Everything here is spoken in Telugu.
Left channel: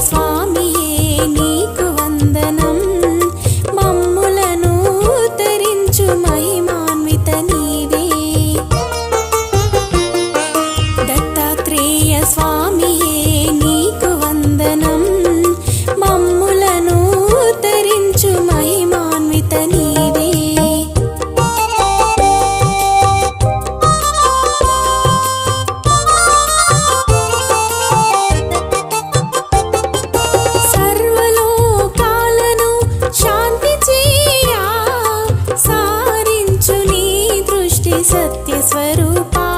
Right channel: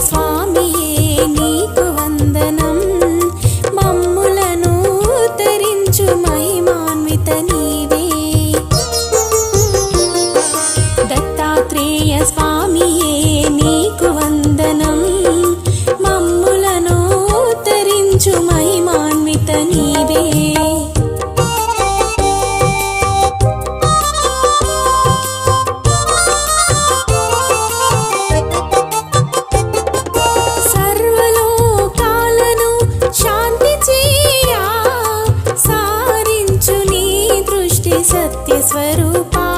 స్వామియే నీకు వందనం మమ్ములను ఉద్ధరించు మహిమాన్విత నీవే దత్తాత్రేయ స్వామియే నీకు వందనం మమ్ములను ఉద్ధరించు మహిమాన్విత నీవే సత్య స్వరూపా